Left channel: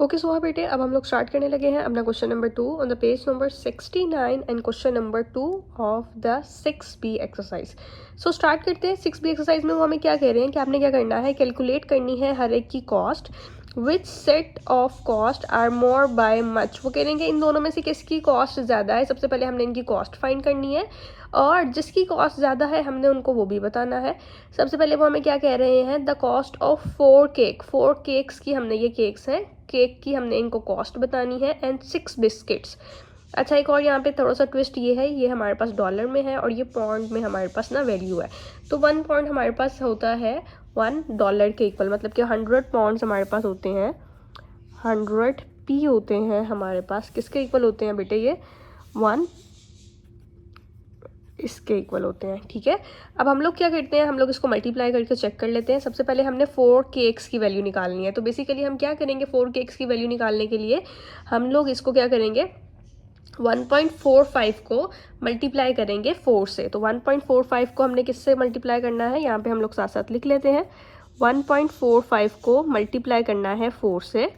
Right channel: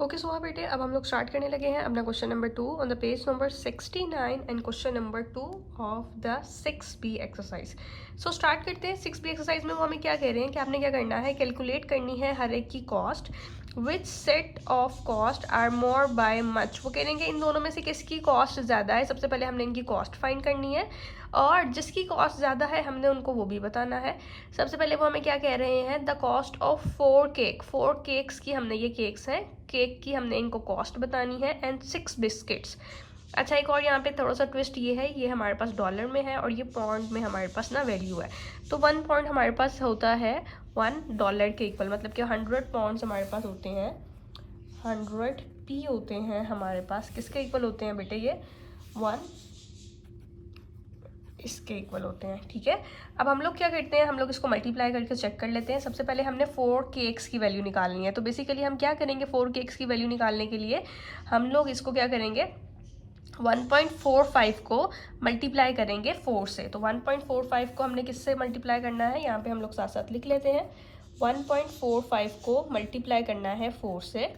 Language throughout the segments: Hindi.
ओके सो बेटे अब हम लोग स्टार्ट करने लगे हैं अपना question number 2 on the page number 69 and question number 2 of the 6B exercise. So start करते हैं। 6B एक्सरसाइज में वो हमें क्या कह रहे हैं कि आपने क्या करना है, कैलकुलेट करनी है हर एक की cost which set of cost are more by much. वो कह रहे हैं कि इन दोनों में से किसकी कॉस्ट ज़्यादा है। सबसे पहले हमने इनकी कॉस्ट फाइंड करनी है और जिसकी कॉस्ट ज़्यादा है हमने उनको वो भी बताना है। सबसे पहले वो हमें क्या कह रहे हैं, द कॉस्ट ऑफ 4 केक्स की, हमने ये केक्स हैं, केक की हमने इनको कॉस्ट बतानी है एंड 6 बिस्किट्स। अच्छा, एक और यहाँ पे थोड़ा सा ट्विस्ट ये है, ये हमारे पास डॉलर में है और ये पॉइंट में हमारे पास ना वैल्यू है। तो 1 पॉइंट हमारे पास होता है $1 के इक्वल, मतलब कि 100 पाउंड्स हमारे पास होते हैं, 100p होते हैं हमारे पास। किसके इक्वल होते हैं बेटे? ये 1 इसके इक्वल होते हैं। ठीक है, अब हम लोग क्या करते हैं, हम लोग इसको मल्टीप्लाई करके चेक कर लेते हैं। सबसे पहले हमने 4 केक्स की वैल्यू निकालनी है। तो बेसिकली हम क्या करेंगे, 4 केक्स की वैल्यू निकालने के लिए हम लोग इसको क्या करेंगे, 1.45 को मल्टीप्लाई करेंगे 4 से। तो 1.45 को हमने किससे मल्टीप्लाई करना है, यहाँ पे हम लोग साथ साथ लिख लेते हैं। 1.45 को मल्टीप्लाई करना है 4 से।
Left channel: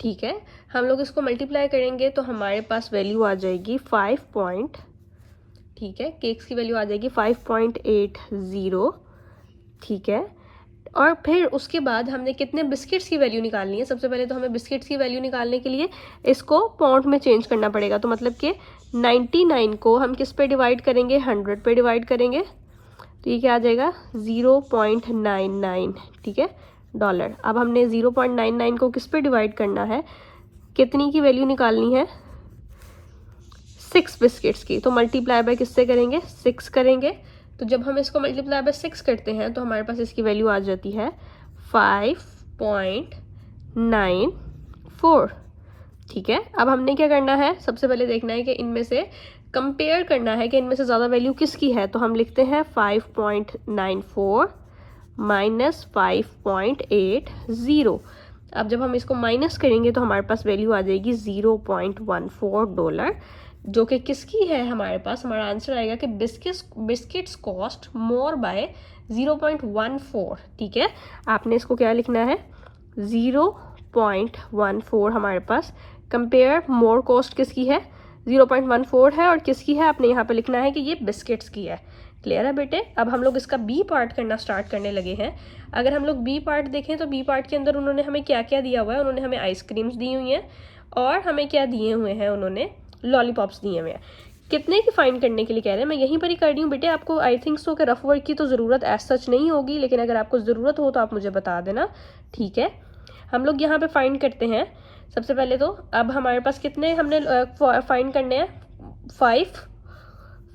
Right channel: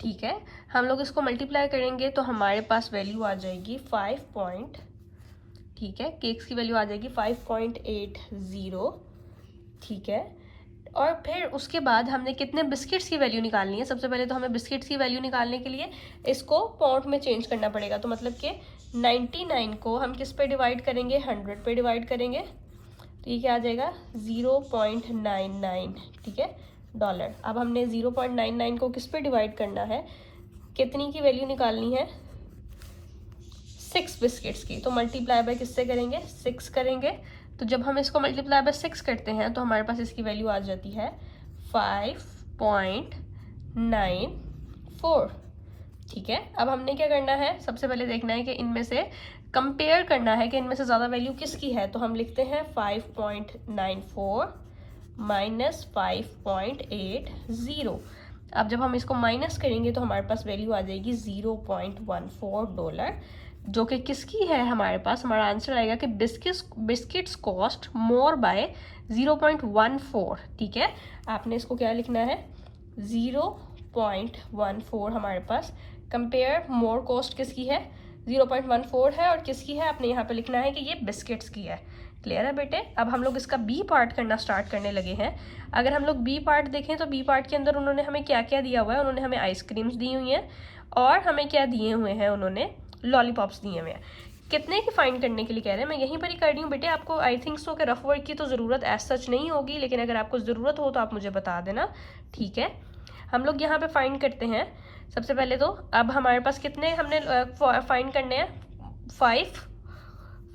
ठीक है, हम लोग इसको मल्टीप्लाई करेंगे तो हमारे पास वैल्यू आ जाएगी 5 ठीक है, केक्स की वैल्यू आ जाएगी 5.80। ठीक है, और फिर उसके बाद हमने कितने बिस्किट्स की वैल्यू निकालनी है। सबसे पहले तो हमें बिस्किट्स की वैल्यू निकालने के लिए इसको पाउंड में चेंज करना पड़ेगा। तो मतलब कि 99 को हम किस पे डिवाइड करेंगे, 100 पे डिवाइड करेंगे। तो ये क्या आ जाएगा, 0.99। ठीक है, डॉलर। अब हमने 0.99 को किस पे डिवाइड करना है, कितनी की वैल्यू निकालनी है, 6 बिस्किट्स की। तो मल्टीप्लाई बाय किससे करेंगे, 6 करेंगे। तो जब हम इसको मल्टीप्लाई बाय 6 करते हैं तो हमारे पास इसकी वैल्यू आ जाती है 5.94। ठीक है, अब हमने क्या करना है, सबसे पहले देखना है कि इनमें से कंपेयर करना है कि इनमें से ज़्यादा वैल्यू किसकी है। तो हम लिखते हैं 5.94 माइनस 5.80। अब जब हम इसको माइनस करेंगे तो हमारे पास वैल्यू आ जाएगी $0.14, जो कि किसकी है हमारे पास। हमारा आंसर आएगा कि बिस्किट्स कॉस्ट मोर बाय 0.14। ठीक है, आपने इसको क्या लिखना है, 0.14 हमारे पास। कंपेयर मोर कॉस्ट किसकी है, 0.14 है, और किसकी है आपने यहाँ पे लिखना है कि ये बिस्किट्स की है। क्लियर है बेटे। अब हम लोग इसका बी पार्ट करना स्टार्ट करने लगे हैं। अगर हम लोग बी पार्ट देखें तो बी पार्ट के अंदर उन्होंने हमें क्या क्या दिया हुआ है, उन्होंने हमें आइसक्रीम्स दी हुई हैं और हमें क्या दिए हुए हैं, उन्होंने लॉलीपॉप्स दिए हुए हैं। कितने की फाइंड करने के लिए कह रहे हैं, मैं यहीं पर ही कर रही हूँ बेटे। आपको आई थिंक सो कि रफ वर्क की तो ज़रूरत एज सच नहीं होगी, लेकिन अगर आपको ज़रूरत हो तो आप मुझे बता देना। ठीक है, हम लोग यहाँ पे फाइंड करते हैं। सबसे पहले तो अब हमारे पास कितने हमने फाइंड करने हैं,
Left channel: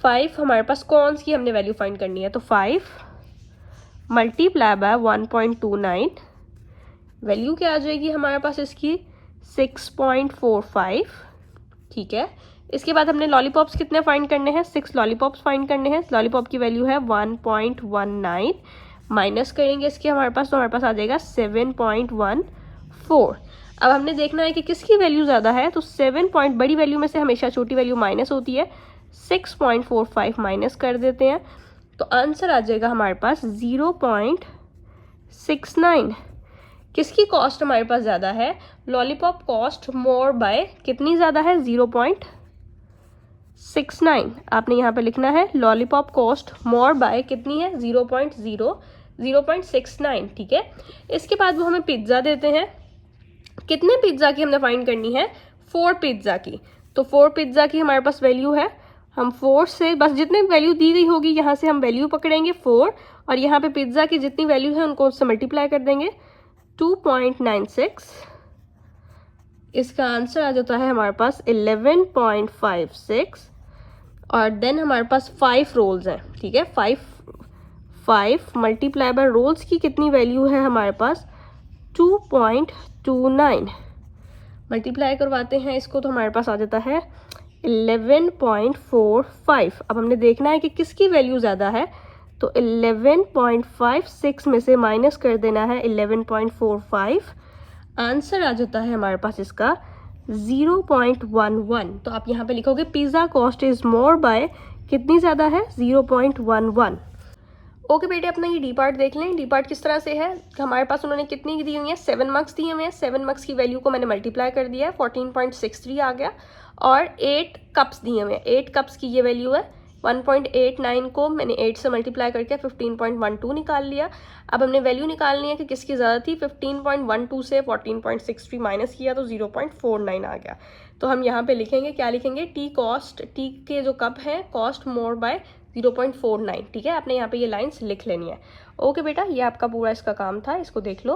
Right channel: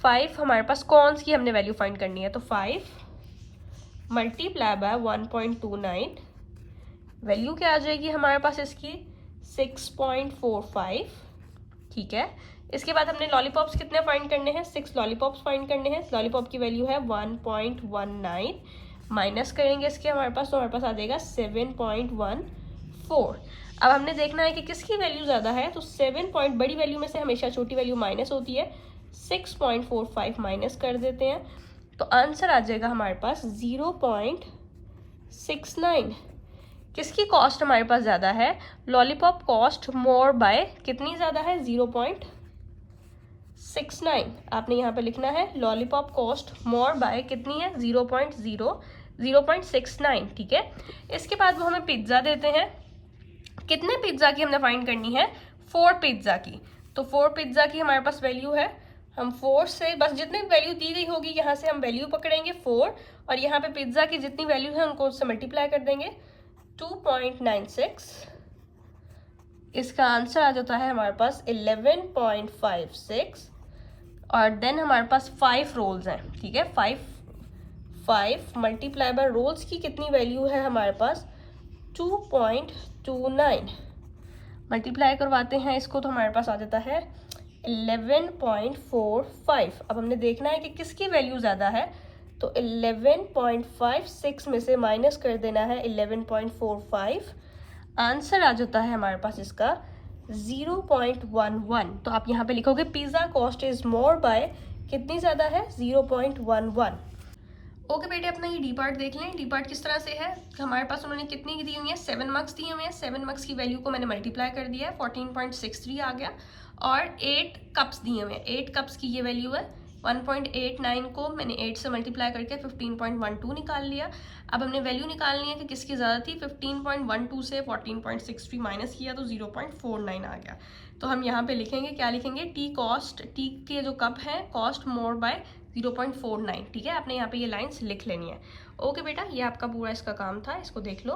5 हमारे पास कॉन्स की हमने वैल्यू फाइंड करनी है। तो 5 मल्टीप्लाई बाय 1.29, वैल्यू क्या आ जाएगी हमारे पास इसकी, 6.45। ठीक है, इसके बाद हमने लॉलीपॉप्स कितने फाइंड करने हैं, 6 लॉलीपॉप्स फाइंड करने हैं। लॉलीपॉप की वैल्यू है 1.19, माइनस करेंगे इसके हमारे पास, तो हमारे पास आ जाएगा 7.14। अब हमने देखना है कि किसकी वैल्यू ज़्यादा है। तो 7 पॉइंट, बड़ी वैल्यू में से हमेशा छोटी वैल्यू माइनस होती है, 6.45 माइनस कर देते हैं तो आंसर आ जाएगा हमारे पास 0.69। किसकी कॉस्ट हमारे पास ज़्यादा है, लॉलीपॉप कॉस्ट मोर बाय कितनी ज़्यादा है, 0.69। आपने यहाँ पे लिखना है लॉलीपॉप कॉस्ट मोर बाय कितनी है, 0.69। ठीक है, इसके बाद वो हमें पिज्ज़ा देते हैं। कितने पिज्ज़ा की हमने फाइंड करनी है, 4 पिज्ज़ा की। तो 4 पिज्ज़ा की हमारे पास वैल्यू है, हम 4 से बस जितनी वैल्यू दी गई होगी यहाँ से हम वैल्यू पकड़ेंगे 4, और यहाँ पे पिज्ज़ा की जितनी वैल्यू है उनको उससे मल्टीप्लाई कर देंगे 2.96। इसका आंसर आ जाता है हमारे पास 11.56। और देन हमारे पास 5 रोल्स हैं। ठीक है, 5 मल्टीप्लाई बाय रोल्स की कितनी वैल्यू है हमारे पास, 2.29। मल्टीप्लाई करवाते हैं इसको तो हमारे पास आ जाता है 11.45। अब हमने देखना है कि किसकी वैल्यू ज़्यादा है। तो 11.56 में से माइनस कर देना है 11.45। आंसर आ जाता है हमारे पास इसका 0.11। तो आप यहाँ पे लिखोगे pizza cost is more by कितनी ज़्यादा है, 0.11। ओके बेटे, अपना ये डी पार्ट देख लें। डी पार्ट किस तरह से है, हमारे पास उन्होंने कितनी दी हुई है, 7 मार्क्स दिए हुए हैं। 7 मार्क्स की वैल्यू को मैंने मल्टीप्लाई कर दिया है, 14.63 आ गया। और 8 कप्स दिए हुए हैं, 8 कप्स की ये वैल्यू है। 1.89 को मैंने 8 से मल्टीप्लाई करके 15.12 निकाल लिया। अब हमने वैल्यू निकालनी है कि किसकी ज़्यादा थी। 15.12 से 14.63 माइनस किया तो 0.49 आ गया। तो हम यहाँ पे लिखेंगे, क्या लिखेंगे, टी कॉस्ट, टी के जो कप हैं कॉस्ट मोर बाय 0.49। ठीक है, आपने यहाँ पे ये लाइंस लिख लेनी है। ओके बेटा, ये आपका पूरा इसका काम था, इसको देख लो।